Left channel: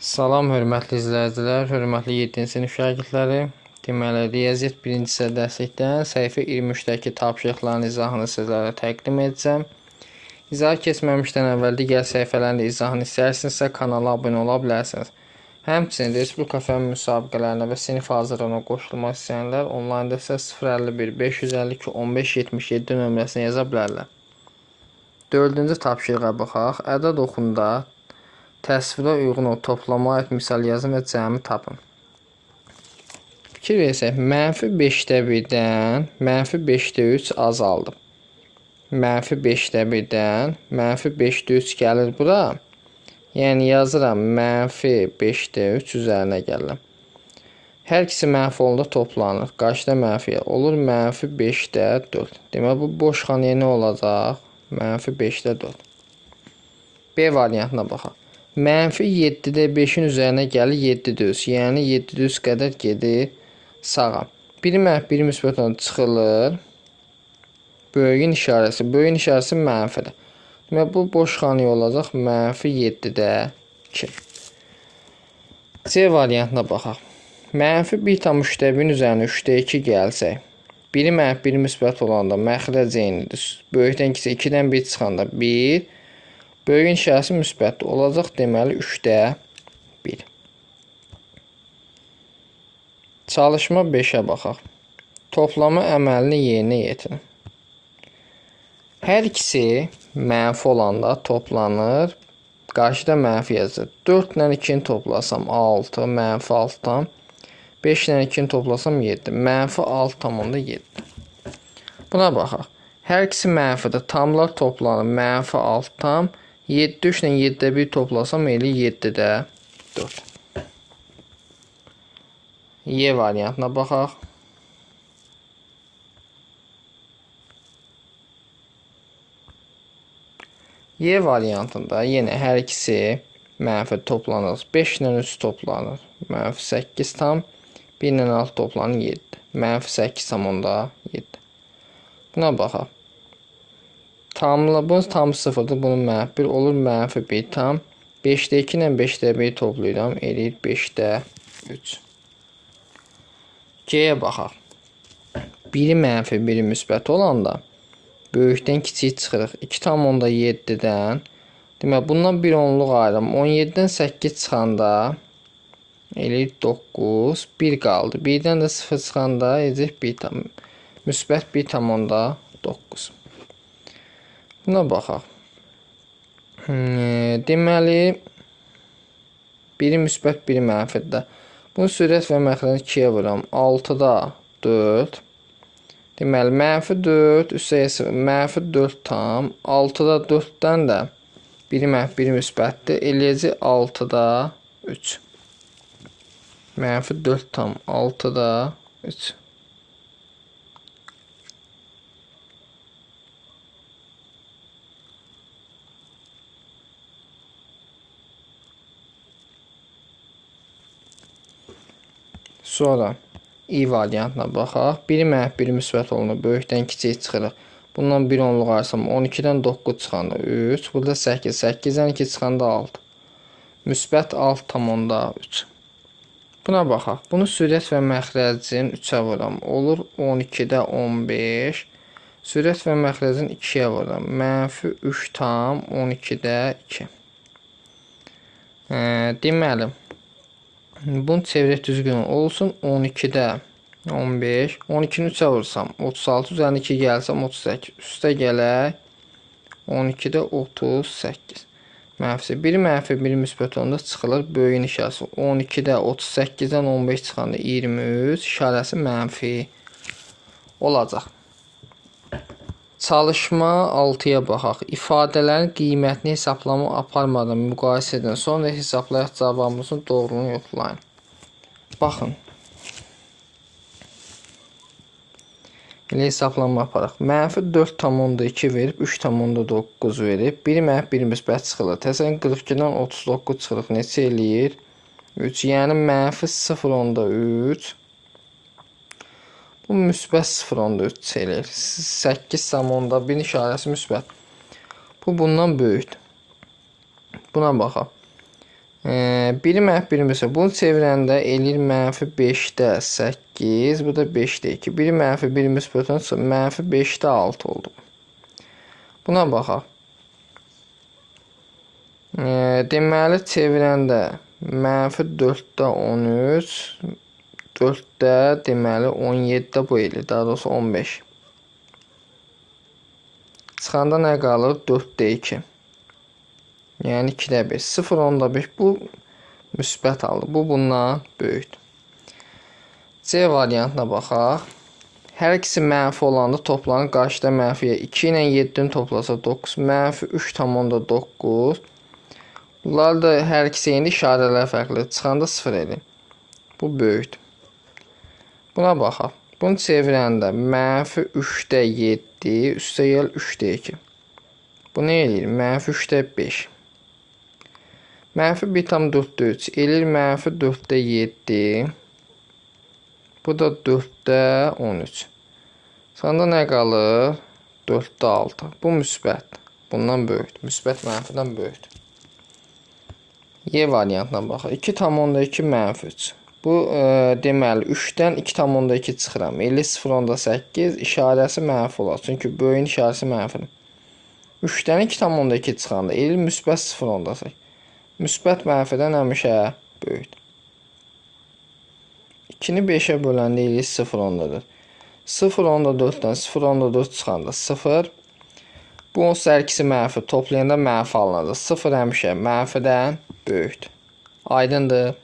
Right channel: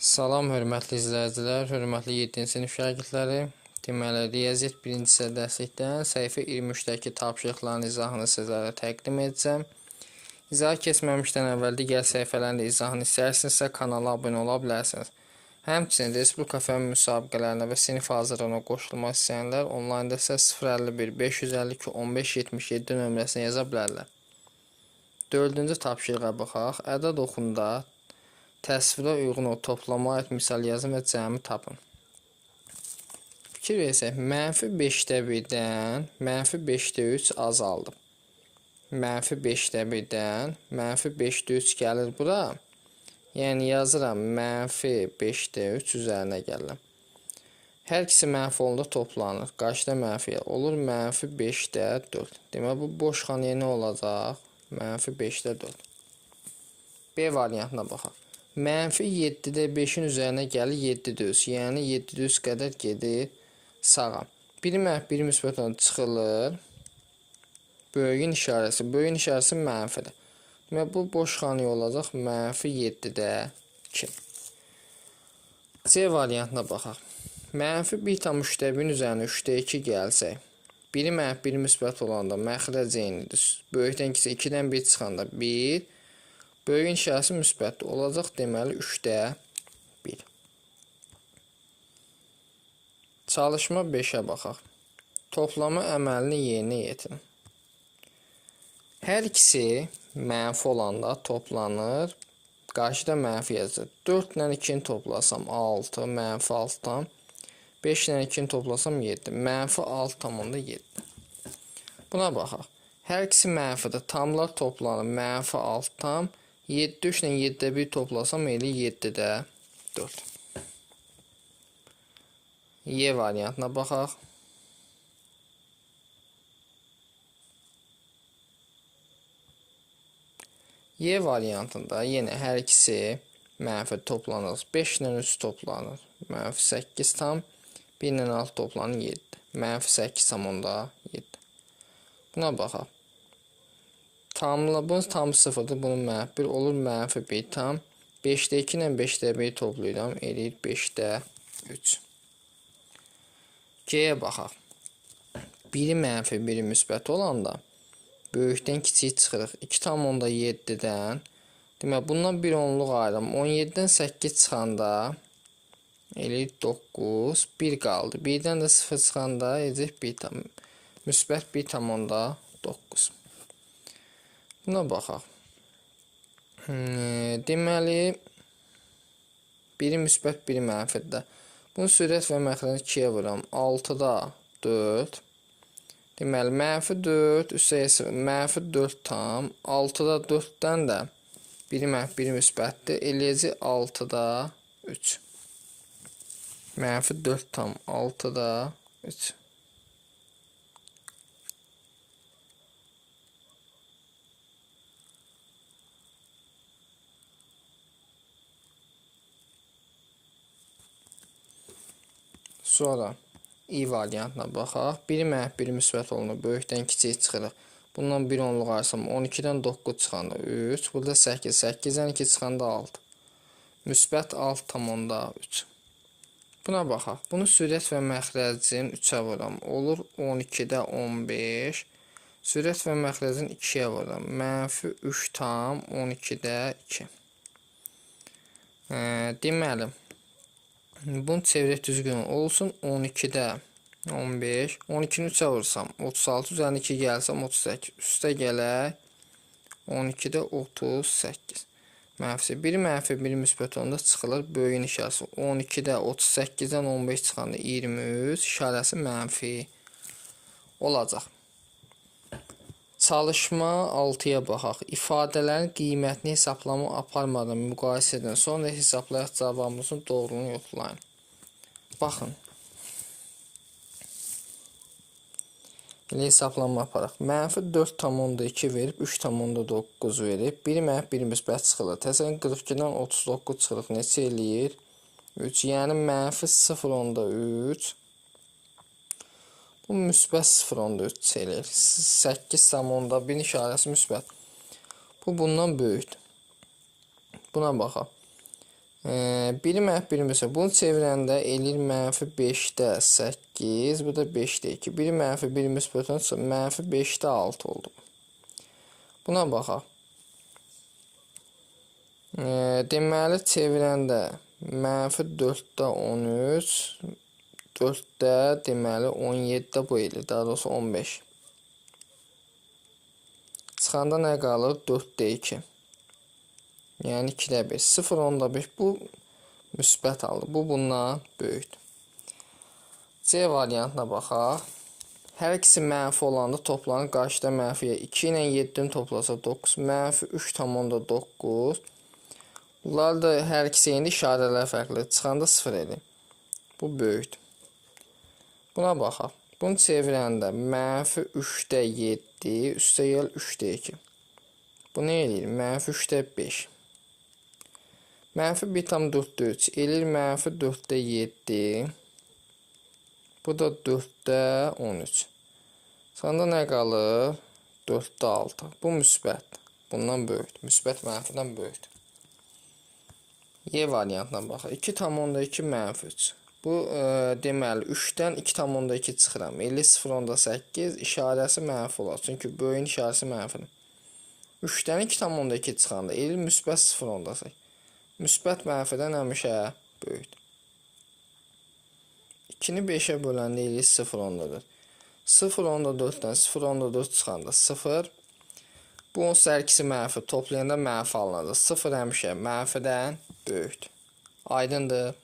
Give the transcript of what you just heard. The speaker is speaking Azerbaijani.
Salam, hörmətli izləyicilər, hörmətli 7-ci sinif şagirdləri. Deməli, riyaziyyat 1-ci hissə dərslikdən səhifə 23-dəki tapşırıqların izahını sizlərə təqdim edəcəm. İzahı keçməmişdən əvvəl digər səhifələrin izahını istəyirsinizsə kanala abunə ola bilərsiniz. Həmçinin Respublika fənn müsabiqələrinə və sinif hazırlığına qoşulmaq istəyənlər onlaynda isə 051 552 1577 nömrəsinə yaza bilərlər. 4-cü tapşırığa baxaq. Ədəd oxunda təsvirə uyğun o toplama aid misal yazın və cəmi tapın. Fikir versək, -5-dən -5-3 azaldı. -5-dən -5-3 gəlir bura. Yəni yazıram -5-3 üzərinə gəlirəm. Hər ikisi mənfi olanda toplanır. Qarşıda mənfi olur -5-4. Deməli bu boş xanaya nə olacaq? -5-4. B variantına baxaq. -7-də 5-in üzərinə gəlir 7 düz. Yəni 7 düz qədər gedir sağa. 1-1 müsbət olan çıxılır. Böyüyün işarəsi. Böyüyün işarəsi mənfidir. Deməli bu boş xanaya olacaq -7-də 2. C variantına baxaq. -1,3-1-in üzərinə 3-də 2 gəlsək. 1-1 müsbət olanda məxrəc eynidir. Böyükdən kiçik 2-dən 1 çıxanda 1. Böyüyün işarəsi müsbət olacaq, deməli 3-də 1. Çalışma 5-ə baxaq. Toplama əməlini yerinə yetirin. Hər ikisi mənfi olanda toplanır. Qarşıda mənfi yazır. 4 ilə 2-ni toplasam 6, -6-dan. 5 ilə 2-ni toplasam 7, -6,7. Buna baxaq. Hər ikisi mənfidir. Tamlar toplanır. -6 tam. 7 3 ilə 7-də 1 toplasam eləyir 7-də 4. Y variantına baxaq. Y variantında yenə hər ikisi mənfi toplanır. 5 ilə 3 toplanır. -8 tam. 1 ilə 6 toplanır 7. -8,7. Buna baxaq. Bunun tam 0'dır. Bunun -1 olur. -1 tam. 5'də 2 ilə 5'də 1 toplayıram. Eləyir 5'də 3. C'yə baxaq. Biri mənfi, biri müsbət olanda böyükdən kiçik çıxırıq. 2,7-dən. Demək, bundan bir onluq ayırım. 17-dən 8 çıxanda eləyir 9. 1 qaldı. 1-dən də 0 çıxanda eləyir 1 tam. Müsbət 1,9. Buna baxaq. Deməli, biri müsbət, biri mənfidir. Bunu sürət və məxrəcini 2-yə vuram. 6-da 4. Deməli, -4, -4 tam. 6-da 4-dən də biri mənfi, biri müsbətdir. Eləyəcək 6-da 3. -4 tam. 6-da 3. Sonra i variantına baxaq. Biri mənfi, biri müsbət olunur. Böyükdən kiçik çıxırıq. Bundan bir onluq ayırsam 12-dən 9 çıxanda 3. Burada 8. 8-dən 2 çıxanda 6. Müsbət 6,3. Buna baxaq. Bunu sürət və məxrəcin 3-ə vuram. Olur 12-də 15. Sürət və məxrəcin 2-yə vuram. -3 tam 12-də 2. Deməli, bunu çevirək düzgün olsun. 12-də 15. 12-ni 3-ə vursam 36. Üzərində 2 gəlsəm 38. Üstə gələk 12-də 38. Mənfisi. Biri mənfi, biri müsbət olanda çıxılır. Böyüyün işarəsi. 12-də 38-dən 15 çıxanda 23. İşarəsi mənfi olacaq. Çalışma 6-ya baxaq. İfadələrin qiymətini hesablama aparmadan müqayisə edin. Sonra hesablayaq cavabımızın doğruluğunu yoxlayın. Baxın. Elə hesablama aparaq. -4,2 verib 3,9 verib. Biri mənfi, biri müsbət çıxılır. Təsəvvürən 42-dən 39 çıxırıq. Neçə eləyir? 3. Yəni -0,3. Bu müsbət 0,3 eləyir. 8,1 işarəsi müsbət. Bu bundan böyükdür. Buna baxaq. 1 mənfi 1 müsbət. Bunu çevirəndə eləyir mənfi 5-də 8. Bu da 5-də 2. 1 mənfi 1 müsbətdən sonra mənfi 5-də 6 oldu. Buna baxaq. Deməli çevirəndə mənfi 4-də 13. 4-də deməli 17-də bu eləyir. Daha doğrusu 15. Çıxanda nə qalır? 4-də 2. Yəni 2-də 5. 0, 10-da 5. Bu müsbət aldı. Bu bundan böyükdür. C variantına baxaq. Hər ikisi mənfi olanda toplanır. Qarşıda mənfiyə 2 ilə 7-ni toplasa 9. Mənfi 3,9. Bunlar da hər ikisi indi işarələr fərqlidir. Çıxanda 0 edir. Bu böyükdür. Buna baxaq. Bunu çevirəndə mənfi 3-də 7 üstə gəl 3-də 2. Bu nə eləyir? Mənfi 3-də 5. Mənfi 1,4-də 3 eləyir mənfi 4-də 7. Bu da 4-də 13. Sonda nə qalır? 4-də 6. Bu müsbət. Bundan böyükdür. Müsbət mənfidən böyükdür. Y variantına baxaq. 2,2 mənfi 3. Bu deməli 3-dən 2,2 çıxıram. 0,8 işarəsi mənfi olar. Çünki böyüyün işarəsi mənfidir. 3-dən 2,2 çıxanda eləyir müsbət 0,8. Müsbət mənfidən həmişə böyükdür. 2-ni 5-ə böləndə eləyir 0,4. 0,4-dən 0,4 çıxanda 0. Bu onsuz hər ikisi mənfi. Toplayanda mənfi alınacaq. 0 həmişə mənfidən böyükdür. Aydındır.